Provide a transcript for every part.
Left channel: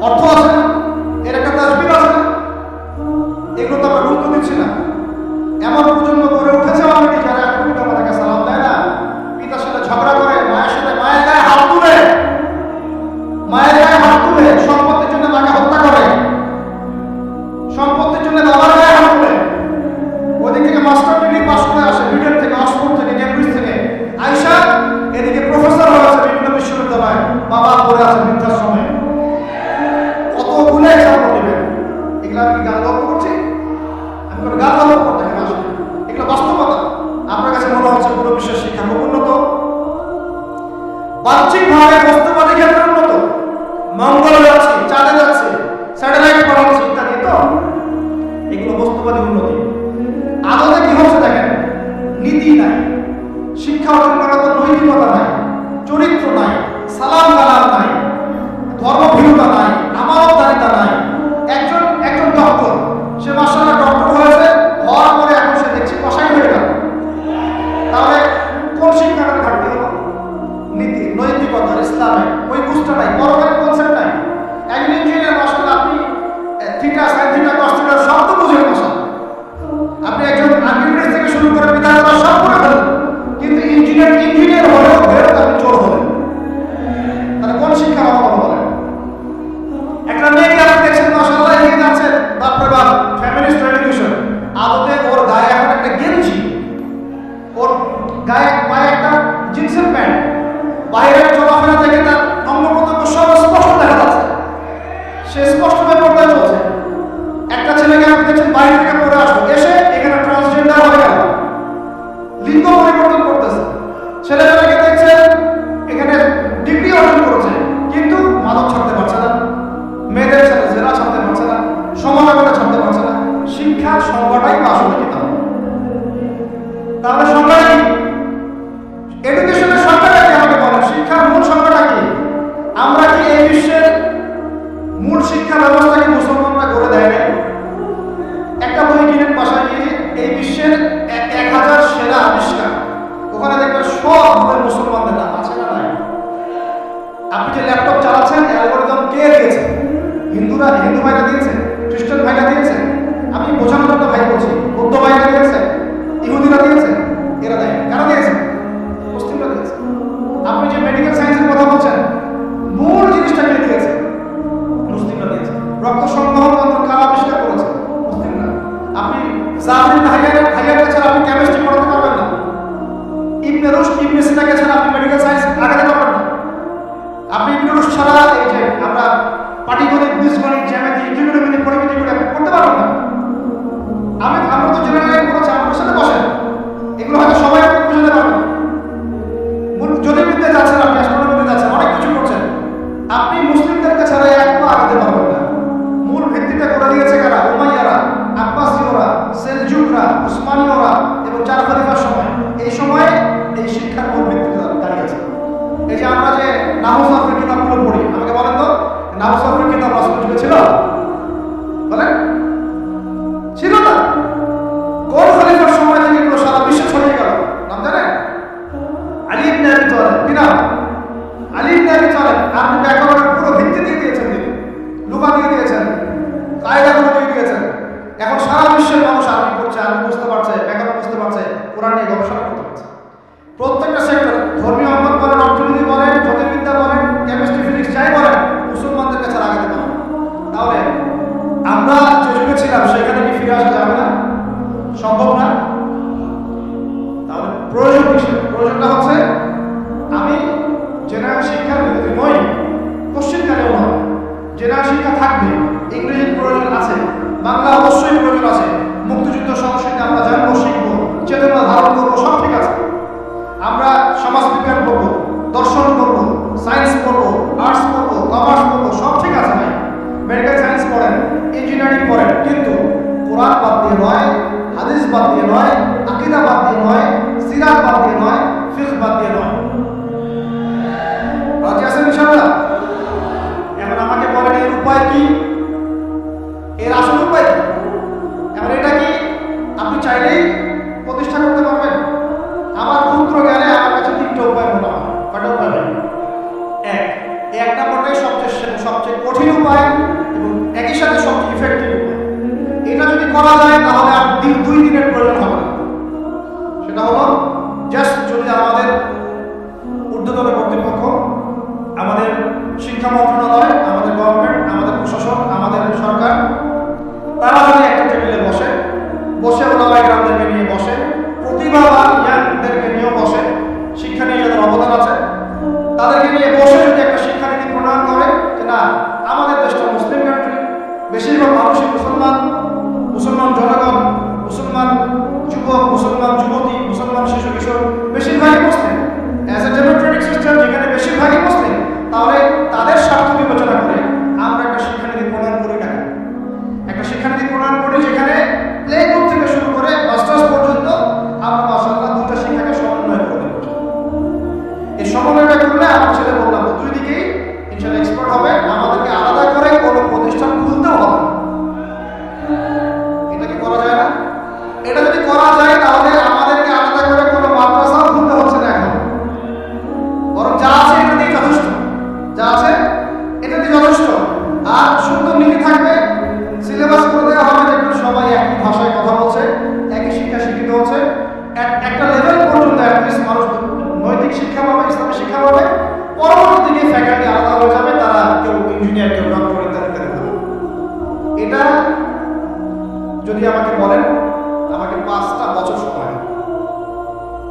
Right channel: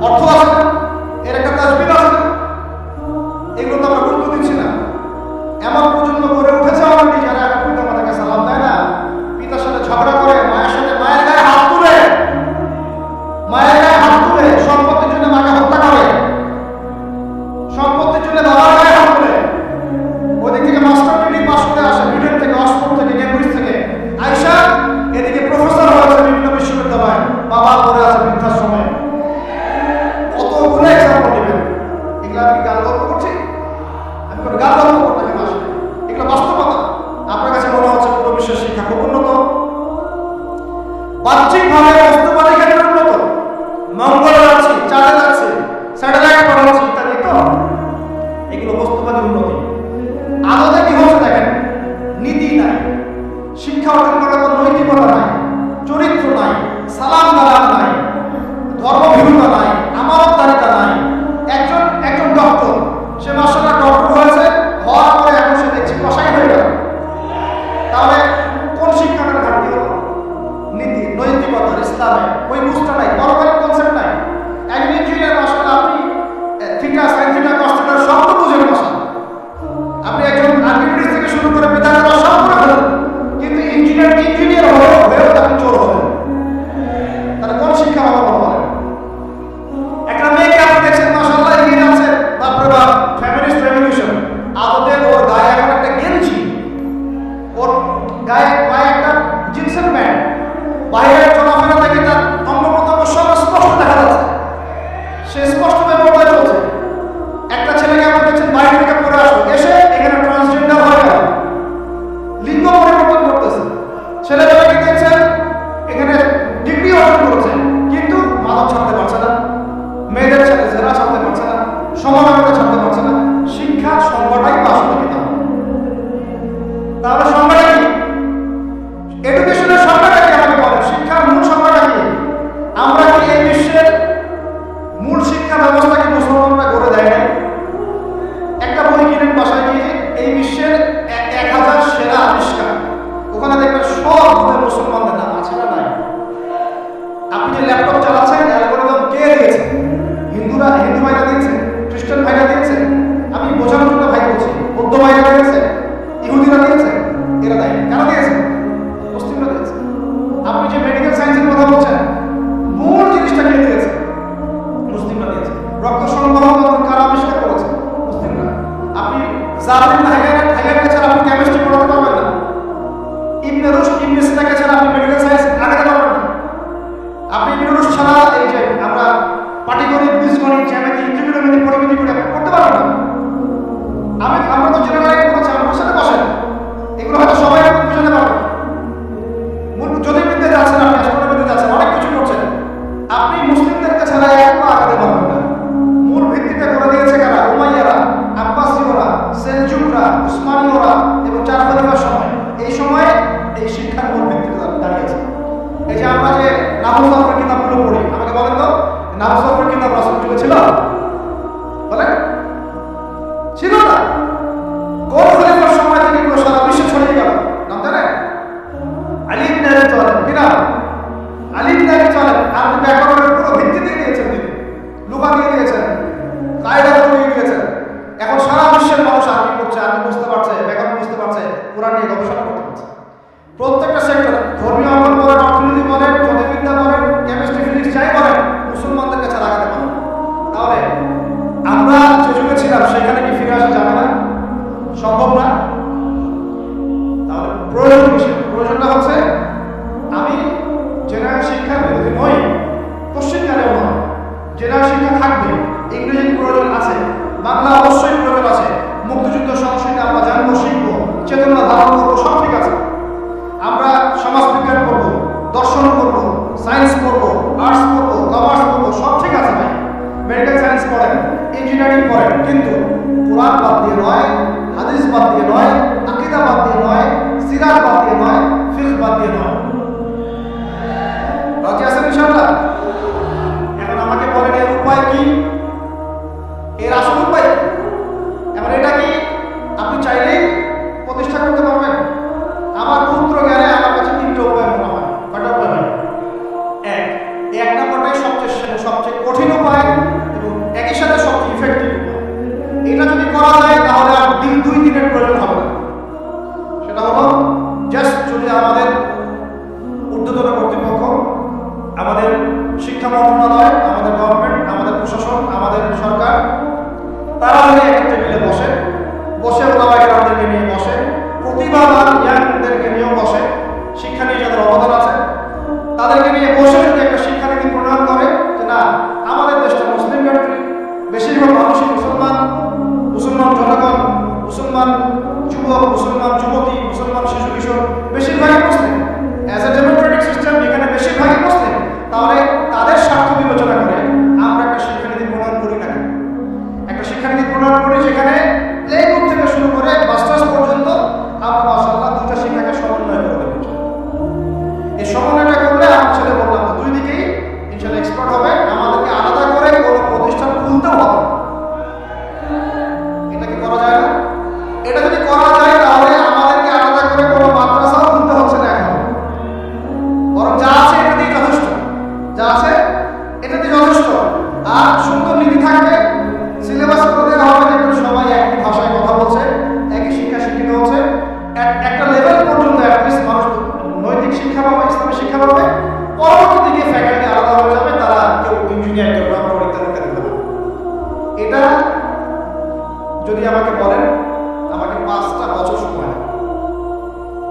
অর্থ তাহলে কোন শিক্ষার অভাব বলেন? একটা মেয়েকে আপনি দেখছেন মাসাল্লাহ এগিয়ে যাচ্ছেন তারপরে বা ফ্যামিলিস্ট রেভলিউশন আদতে ওর গায়ে এখন একটা গেঞ্জি। ওর গায়ে পায়ে একটা জিন্সের প্যান্ট। বাইরের চলাফেরা থেকে তার অঙ্গ প্রত্যঙ্গ সব স্পষ্ট দেখা যাচ্ছে। সে স্পষ্ট ব্যাপারটা চলছে। একটা ছেলেকে আপনি দেখছেন, বাইরে থেকে পরে আসবে। এসে এখানে ট্রান্সজেন্ডার হয়ে গেল। লিঙ্গ পরিবর্তন করতেছে। ছেলেবেলাকে ডিগ্রি করেছে। কিন্তু মাদক ছাড়তে পারছে না। মেয়েদের সাথে জেরা ছাড়তে পারছে না। সমানতা ছাড়তে পারছে না। শিক্ষার সংজ্ঞাটাই বা আসলে কি তাহলে সংজ্ঞাটা কি? এডুকেশনের পাটিগণিত বীজগণিত জ্যামিতি ত্রিকোণমিতি পরিমিতি করে আপনি পড়তে পারবেন না। আমি আমরা তো জেনারেল লাইন করেছি আমার সাথে বসেন এগুলো হয়তো সবাই আপনি বুঝাতে পারবেন মূল জ্যোতির্বিদ্যা যাচ্ছেন আপনি অ্যাস্ট্রোনমিতে যাচ্ছেন, অনেক কিছু করছেন। আপনি মুসলিমদেরকে ছাড়া এক পা আগাতে পারবেন না। মূল ভিত্তিটা করে দিয়েছে কারা? উমাইয়ারা, আব্বাসীয়রা, সেলজুকরা, উসমানীয়রা এবং চার খলিফার সময়। এই সময়ে এই শিক্ষার মূল ভিত্তিটা দাঁড়িয়ে আছে। এই যে আমরা যে নাহু সরফের কিতাবগুলো পড়ি, আমাকে বলেন তো? নাহু সরফের কিতাব রাসুল যুগে ছিল? বলেন। ছিল না। কোন খলিফার সময় থেকে এগুলো সারা বিশ্বে ছড়িয়ে গেল? নাম জানেন? আলী ইবনে আবি তালেব। কি নাম? আলী ইবনে আবি তালেব। ব্যাকরণের পুরো ভিত্তি দিয়ে দিয়েছেন তিনি। লুকা দিয়ে দিয়েছেন। কায়দাগুলো দিয়ে দিয়েছেন। এখন সারা বিশ্বের মানুষ আরবি পড়ছে, আরবি বুঝতে পারছে, ব্যাকরণ বুঝতে পারছে, কোরআন নিয়ে গবেষণা করতে পারছে। প্রত্যেকটা সেক্টর ধর্মীয় অঙ্কন বলেন অর্থনীতি বলেন জ্যোতির্বিদ্যা বলেন কেমিস্ট্রি ফিজিক্স যাই বলেন মুসলমানদের কাছে লাগাতে পারেন তাহলে আমরা যে যুগে ছিলাম, সেখানে কি ফিরে আসা যাবে না? সম্ভব না? তাহলে প্রয়োজন কিসের? প্রয়োজনটা হচ্ছে আমি জেনারেল শিক্ষার বিরোধী নই, পশ্চিমকালেও নয়। জেনারেল শিক্ষা থাকবে, ইংরেজির প্রয়োজন আছে, বাংলা অবশ্যই প্রয়োজন আছে। মুক্তিযুদ্ধ সংস্কৃতি আমরা জানব, শিখব, চেতনা ধারণ করব, সব ঠিক আছে। আমরা সমাজবিজ্ঞান পড়ব, দর্শন পড়ব, সায়েন্স পড়ব, আর্টস পড়ব কমার্স পড়ব সব ঠিক আছে ভাই। মেডিকেল সায়েন্স পড়েন ইঞ্জিনিয়ারিং পড়েন, কিন্তু কোরআন বাদ দিয়ে নয়, হাদিস বাদ দিয়ে নয়, আকিদা বাদ দিয়ে নয় সিরাজ বাদ দিয়ে নয় ফিখ বাদ দিয়ে নয়। রাজি আছেন ইনশাল্লাহ এখন আমাকে বলেন, এর উপায় কি? এর আসল উপায়? কি এখন এটা কি? আপনি চাইলেই প্রতিষ্ঠা করতে পারবেন। আমার ক্ষুদ্র জ্ঞানে আমার কাছে তিনটা উপায় মনে হয়। কয়টা উপায় এই এক নম্বরটাই সবচেয়ে সবচেয়ে কঠিন উপায় এবং একই সাথে সবচেয়ে ইফেক্টিভ উপায়। এটা যদি করা যায়, তাহলে আর দিন দুই দিনের প্রয়োজন হবে না। সেটা হলো জাস্ট যদি আমাদের ঊর্ধ্বতন কর্তৃপক্ষ, আমাদের শিক্ষা মন্ত্রণালয়, আমাদের গভর্নমেন্ট আমাদের প্রশাসন, আমাদের সরকার, তারা যদি একটা টেবিলে বসে বসে ওলামাই গ্রামদেরকে নিয়ে বসে, প্রতিভাবান ইয়াংদেরকে নিয়েও বসে, শিক্ষা নিয়ে যাদের অবদান আছে তাদেরকে নিয়ে বসে যদি একটা শিক্ষানীতি প্রণয়ন করে যে না, আমাদের দেশটা মুসলিম কান্ট্রি বেশিরভাগ মানুষই মুসলমান মুসলমান জনগণ, মুসলমান যুবক, মুসলমান যুবতী, মুসলমান শিশু কিশোর, বেশিরভাগই মুসলিম অ্যাজ এ ডেমোক্রেটিক সিস্টেম এখানে বেশিরভাগই মুসলিম, তাহলে তাদের স্বার্থ বিবেচনা করে আমরা একটা শিক্ষানীতি প্রণয়ন করি না? একটা শিক্ষানীতি প্রণয়ন করি যেখানে প্লে গ্রুপ থেকে শুরু করে মাস্টার্স পর্যন্ত আমরা মাসাল্লাহ দুইটা শিক্ষাকে সমন্বয় করে দেবো এই সমন্বয়টা দুই দিকেই ইনশাল্লাহ এক্সপার্ট হবে।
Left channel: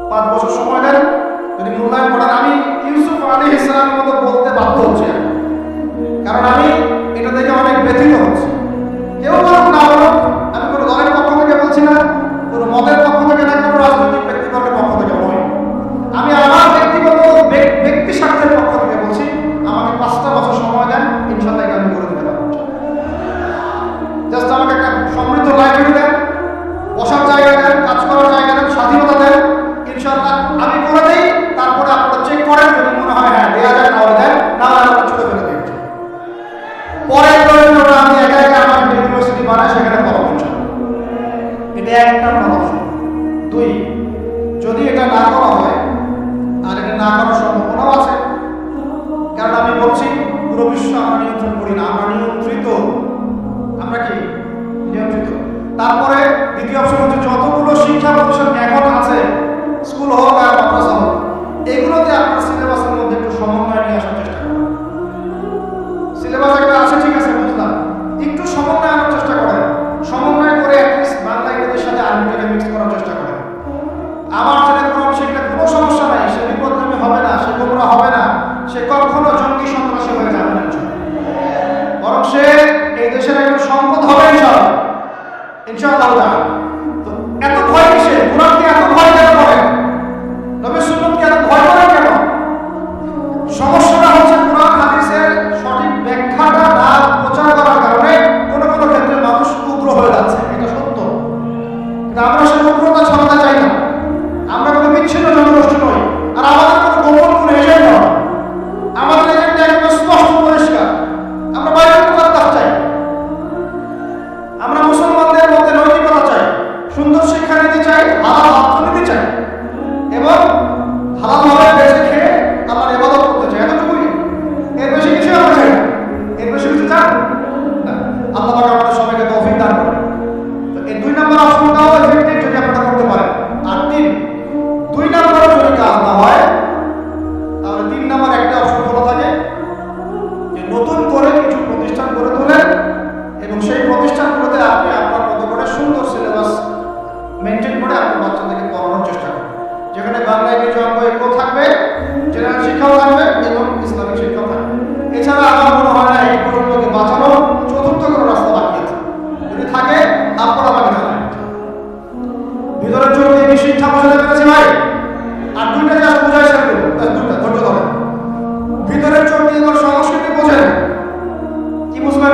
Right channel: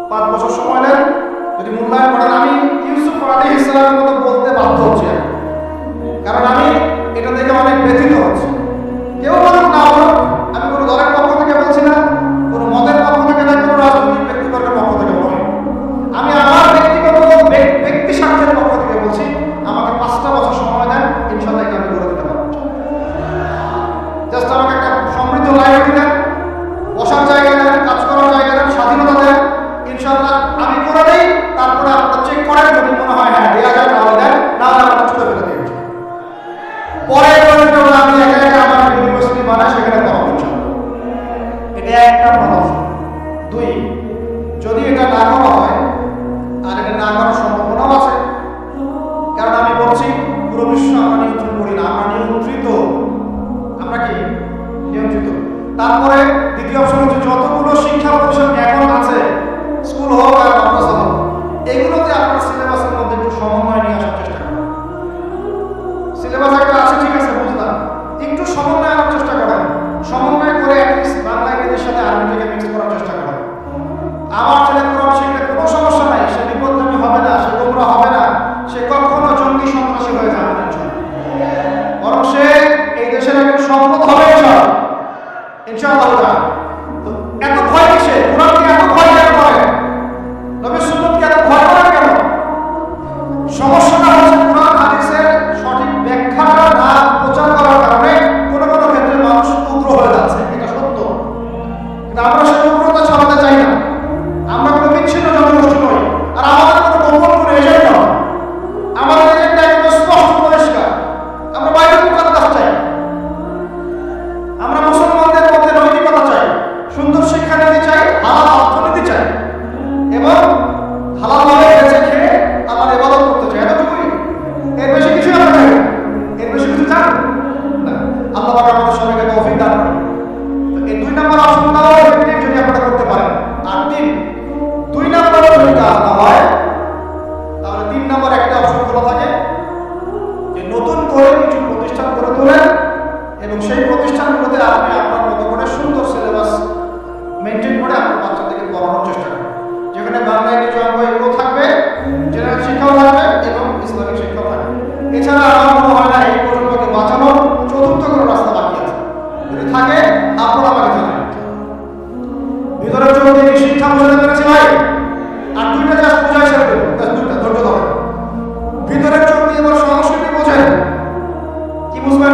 পাঁচ বছর সময় দেন যদি মূল্যায়ন করেন, আমি ইউসুফ আলী ইসলামের মতো বলতে বাধ্য হচ্ছি কারণ আমি এটা দেখে অনেক ব্যথিত হচ্ছে। কেউ বলুক না বলুক এটা না করা হয়, আর এটা না করার সম্ভাবনাও আছে। কারণ আমি বলছি, পুরো বিশ্ব আমরা নিয়ন্ত্রণ করি না, আমরা নিয়ন্ত্রিত। আমরা কি? নিয়ন্ত্রিত। তারপরে দ্বিতীয় অপশন হচ্ছে, যতগুলো শিক্ষা প্রতিষ্ঠান এখন আছে, স্কুল হোক আর মাদ্রাসা হোক, এগুলোতে আপনার সিলেবাসের মধ্যে একটু সমন্বয় নিয়ে আসার চেষ্টা করেন। সিলেবাস একটা আছে, ঠিক আছে, বুঝলাম। একটু সমন্বয় আনার চেষ্টা করেন। সমন্বয় করে অ্যাটলিস্ট বাংলা, ইংরেজির সাথে আরবিটাকে মিক্স করার চেষ্টা করেন। আমার ছেলে কোরআন শিখলে কোনো সমস্যা নাই, সে বিপদগামী হবে না, সে গোমরা হবে না, সে কখনো জঙ্গি সন্ত্রাসী হয়ে যাবে না। বরং সে এই দেশের একজন সম্পদ হবে, ইনশাল্লাহ। ইনশাআল্লাহ। তো এত ভয় কিসে নম্বর একটা অপশন খোলা থাকে যে নতুন করে কিছু প্রতিষ্ঠান গড়ে তোলেন এবং সেই প্রতিষ্ঠানগুলোতে আপনি আপনার মতো করে সুন্দর সিলেবাস মেনটেন করে আপনার বাচ্চাদেরকে পড়ানোর চেষ্টা করুন। যেখানে বাংলা কিছু অঙ্ক এগুলো থাকবে জেনারেল শিক্ষাও থাকবে এবং ইসলামিক শিক্ষাও থাকবে। এছাড়া আমার মনে হয় না এই প্রজন্মকে বাঁচানোর চতুর্থ কোনো রাস্তা বাকি আছে। যদি থাকে আপনারা আমাকে জানায়। দিয়ে কি শিক্ষা বোঝাতে পেরেছি ভাই? আর দুইটা জাস্ট বোঝাই ছেড়ে দেবো দুইটা, ধৈর্য ধরেন। ভিতরের চোখ দিয়ে সংস্কৃতি বোঝেন কি বুঝবেন?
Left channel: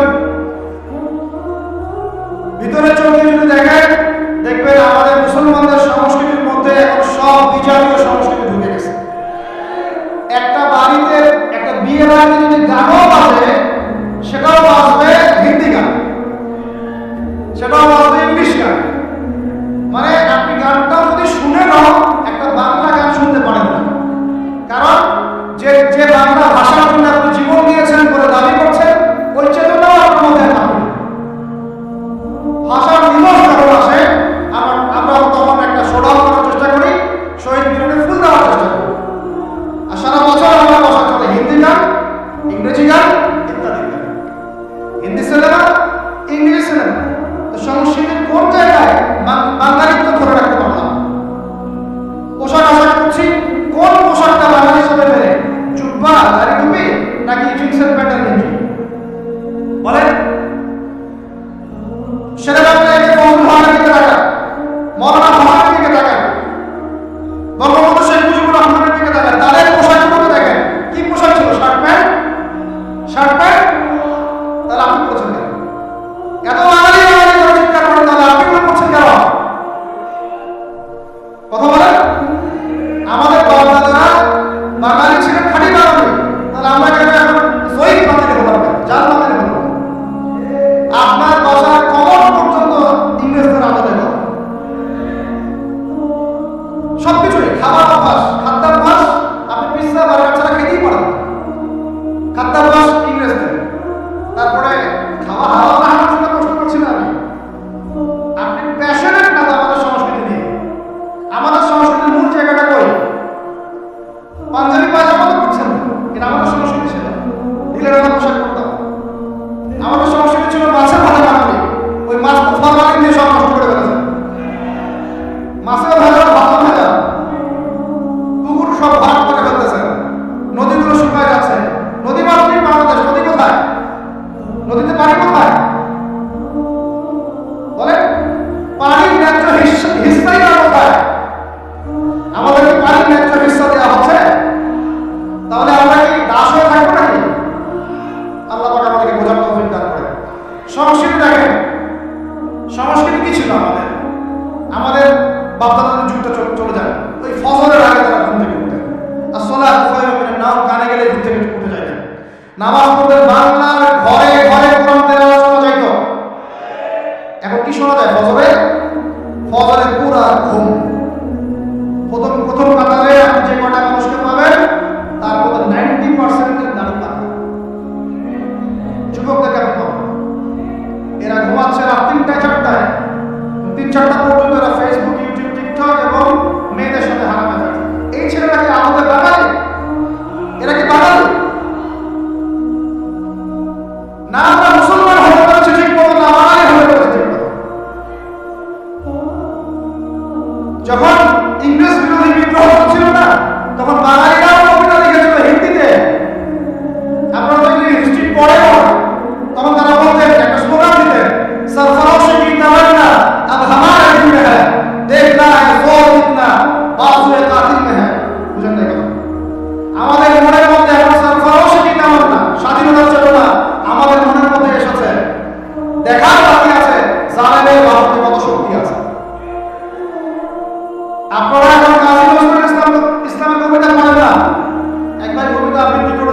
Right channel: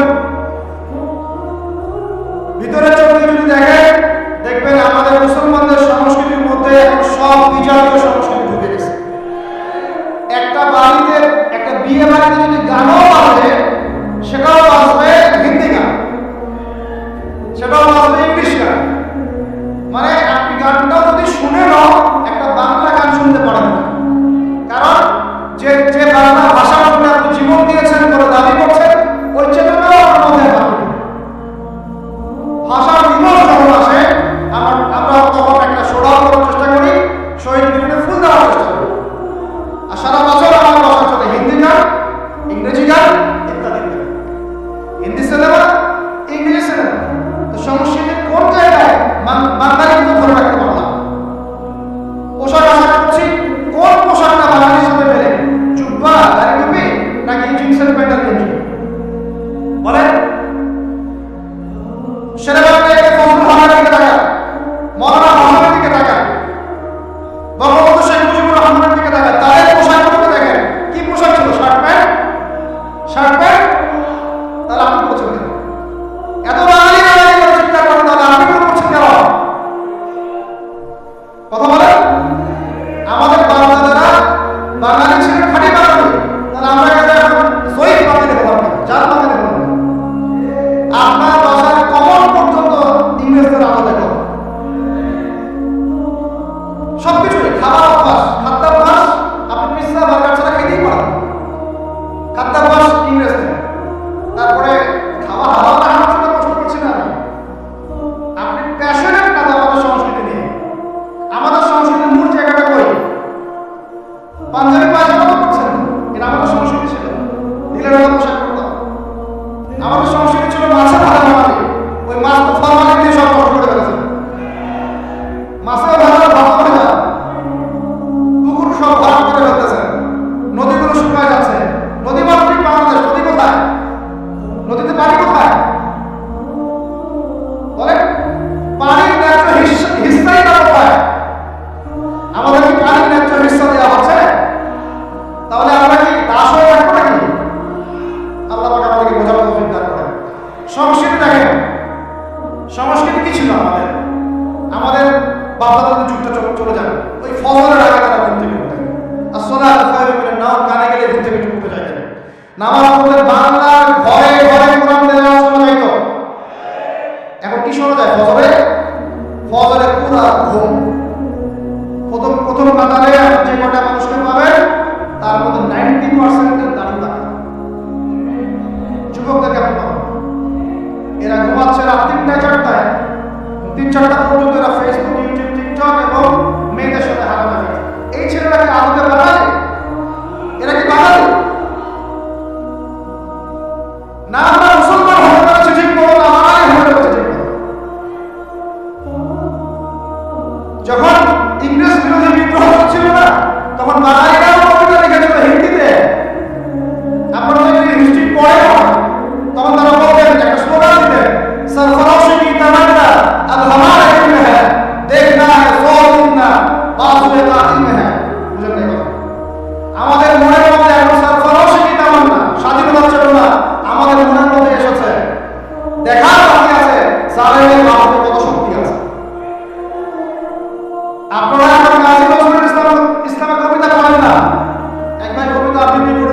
ভিতরের চোখ দিয়ে যদি দেখেন, দেখবেন আমাদের মুসলমানদের সংস্কৃতির মধ্যে এখন সব বিজাতীয় সংস্কৃতি ঢুকে গেছে। একটা বাড়িতে, একটা বিয়ে বাড়িতে যদি গানও বাজে, সেটাও বাজবে হিন্দি গান। সেটাও বাজবে ইংলিশ গান। মানে আপনি গানটাও যদি শুনে নাও, একটা বাংলা গান শুনতে পারেন না। কারণ যে যে বাংলা ভাষার জন্য আপনি জীবন দিয়েছেন বলে দাবি করছেন, ওই চেতনাও আপনার মধ্যে নেই। ভাষার দিবস যখন আসে, আমরা আমরা তখন একটা সোডাল করার চেষ্টা করি, শহীদ মিনারে ফুল দেওয়ার চেষ্টা করি। আর সারা বছর আমার বাসা চলে হিন্দি গান, ইংরেজি গান, ইত্যাদি ইত্যাদি। হিন্দি সিনেমা ইংরেজি সিনেমা। তো সংস্কৃতির কোন জায়গায় বাঙালিত্ব ধরে রাখতে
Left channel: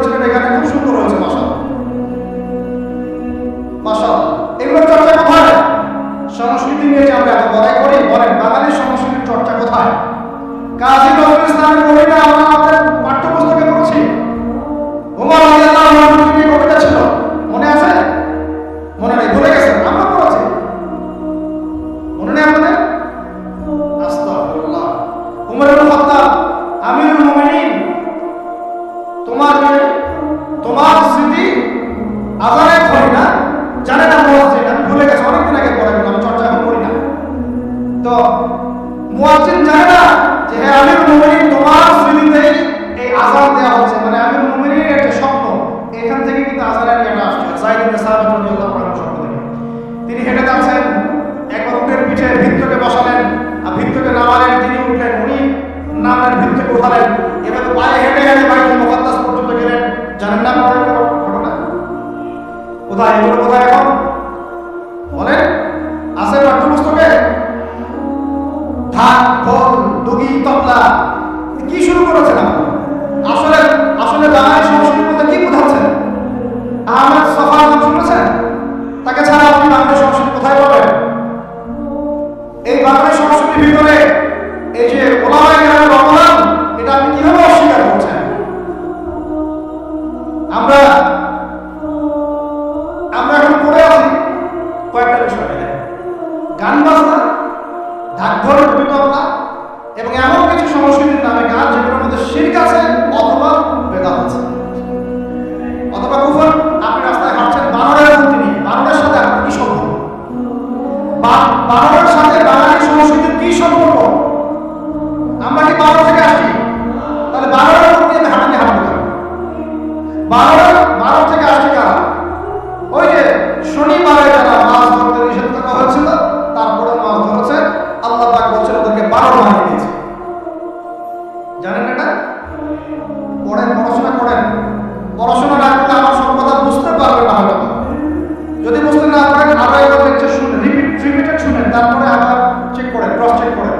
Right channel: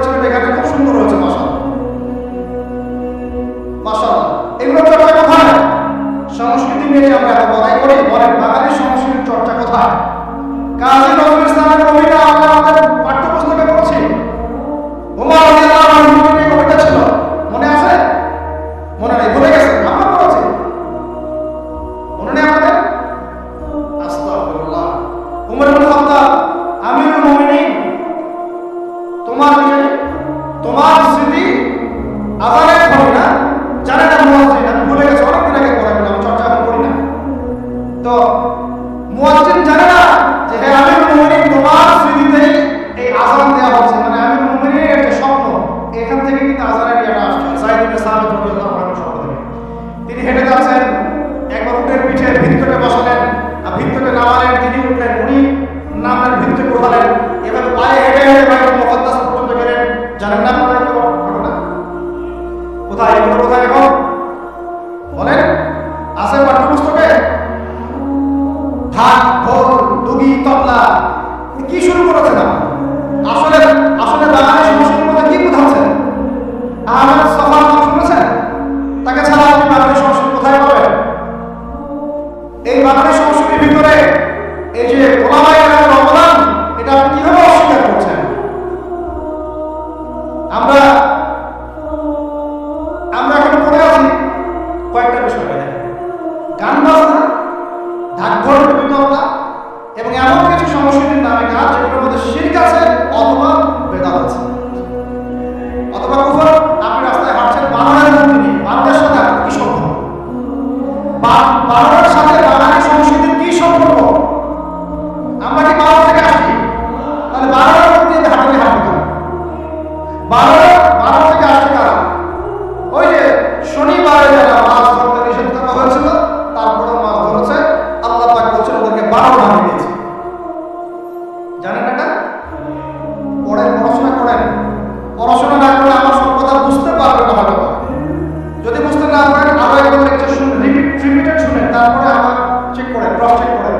বছরের এখানে জানেন এটা? পড়েন, পড়াশোনা করেন। পড়াশোনা না করলে আমার সব কথা বুঝতে পারবেন না হয়তো যদি বুঝতে না পারেন, আরও একবার লেকচার শুনেন রিপিট রিপিটেড শুনেন, তারপরে আবার চেক করেন ক্রস চেক করেন।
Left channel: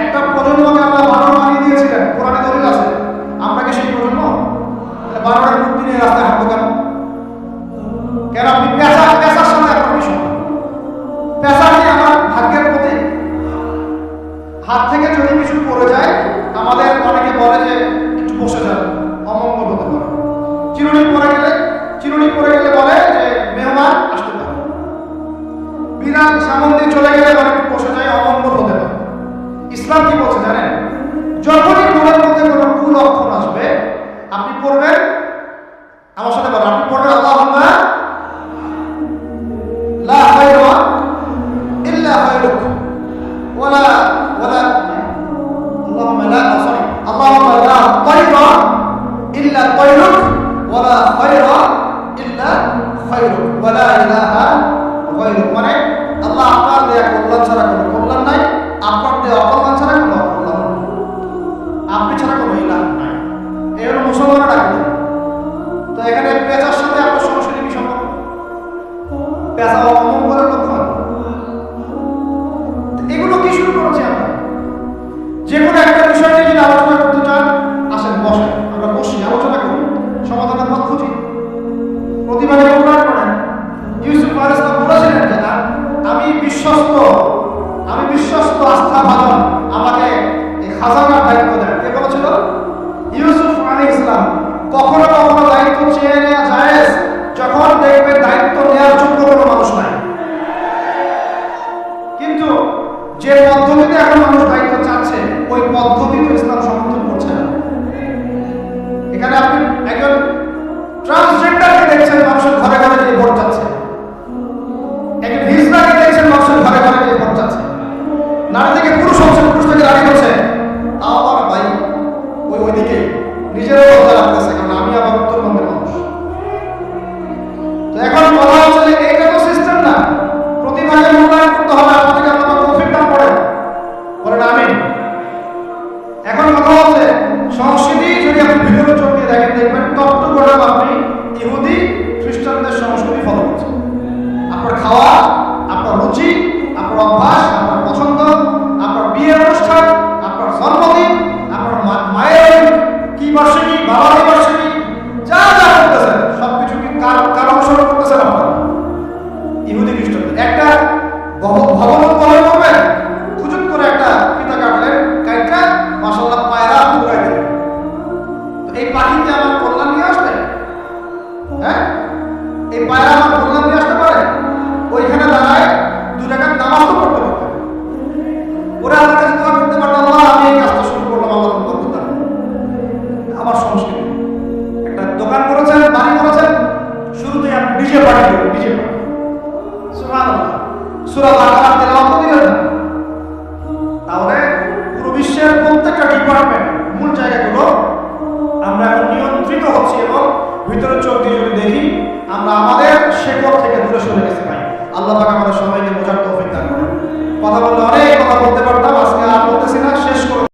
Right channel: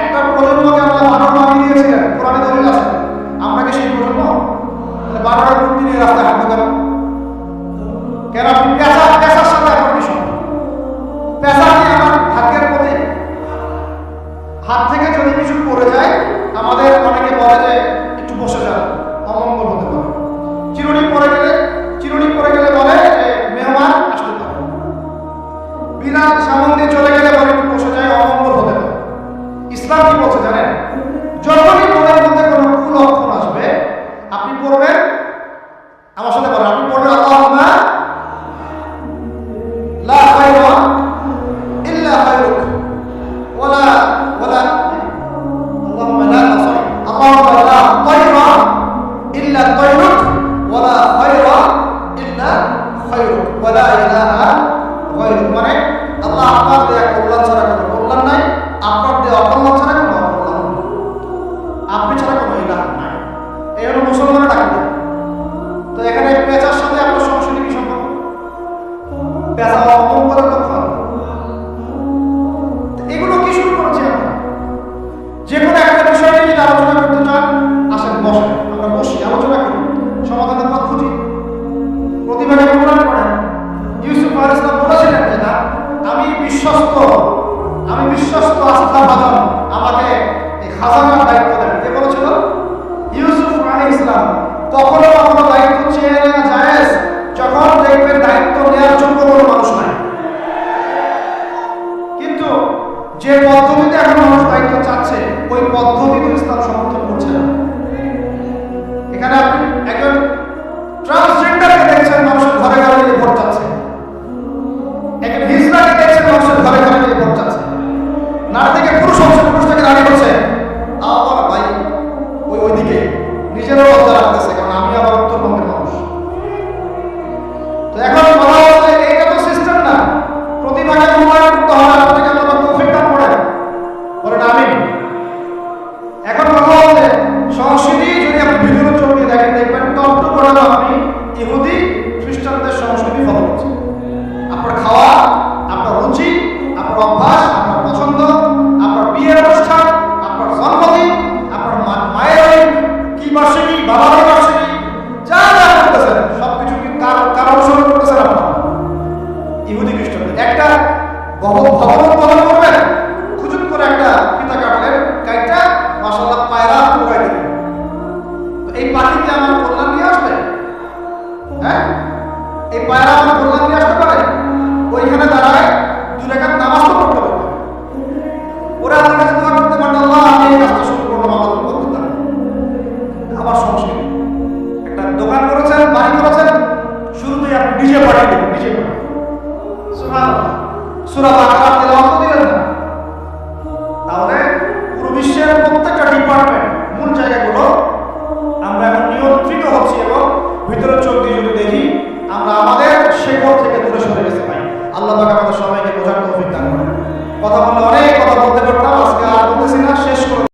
একটা প্রজন্মকে আমরা বানর বানিয়ে দিয়েছিলেন, কোরআনে দলিল আছে। আমরা কি সেই প্রজন্ম? তাহলে বানরের মূর্তি নিয়ে রাস্তায় হাঁটবো কেন? কেন আপনি পেঁচা পেঁচার সাথে আপনার কি পেশা পেঁচা কি আমার ভাগ্যের প্রতি হাত থেকে যদি কিছু পড়ে যায় আমাদের অনেকে বলে যে একটু বসে যান, অমঙ্গল হতে পারে। চিরুনি পরে গেলে, চিরুনি পরে গেলে বলে যে মেহমান আসতে পারে। বিড়াল সামন দিয়ে চলে গেলে বলে একটু বসে যায়, অমঙ্গল হতে পারে। ইসলাম কি বলছে জানেন? যখনই বসেন আমরা বসি, আলোচনা করি, সমাধানের পথ খুঁজি। প্রতিভাকে মূল্যায়ন করেন। ইউসুফ আল ইসলাম বলেছিলেন যে না, আমি বিশ্বস্ত আমি বিশ্বস্ত আস্থা ভাজন আমাকে এই খাজানার দায়িত্ব দেন। কে বলেছিল? ইউসুফ আলী ইসলাম কখনো কখনো দায়িত্ব চেয়ে নেওয়া যায় যখন দেখবে দায়িত্ব নেওয়ার যোগ্য কোনো মানুষ নাই। কিন্তু যে পদ্ধতিতে এখন মানুষ দায়িত্ব চাচ্ছে, ওই পদ্ধতি তো ইসলাম সমর্থন এখানে আপনি একজন ট্রান্সজেন্ডারকে দেখছেন, মানুষের ঘরে ঘরে নিয়ে ভোট চাচ্ছে। একজন হিজড়াকে দেখছেন, মানুষের ঘরে ঘরে নিয়ে ভোট চাচ্ছে। নারী থেকে পুরুষ হচ্ছে, পুরুষ থেকে নারী হচ্ছে। মাসাল্লাহ পায়রা উড়াই দিলেন। তো এই পাখি কি আমার কল্যাণ নিয়ে আসবে? হ্যাঁ? এই পায়রা আমার কল্যাণ নিয়ে আসতে পারে? ওইখানে দাঁড়ায় দুই রেখার নামাজ তো পড়তে পারবে। ওরা আল্লাহর কাছে দোয়া করতে পারতো আল্লাহ, আমি এই কাজটা শুরু করলাম, আল্লাহ তুমি বরকত দান আমার সংস্কৃতি। একটা দোকান করেছেন, বাড়ি করেছেন, শুরুতেই আপনি ডিজে পার্টি করবেন ডিজে পার্টি সুবহানাল্লাহ। ভিতরের চোখ দিয়ে যদি দেখি, আমরা আমাদের শেকড় থেকে দূরে সরে গেছি ভাই। আল্লাহ পাক আমাদের সবাইকে বোঝার তৌফিক দান করেন। কথা বললে অনেক কথা বলতে পারতাম, আজকে আর বলতেছি না, শেষ করে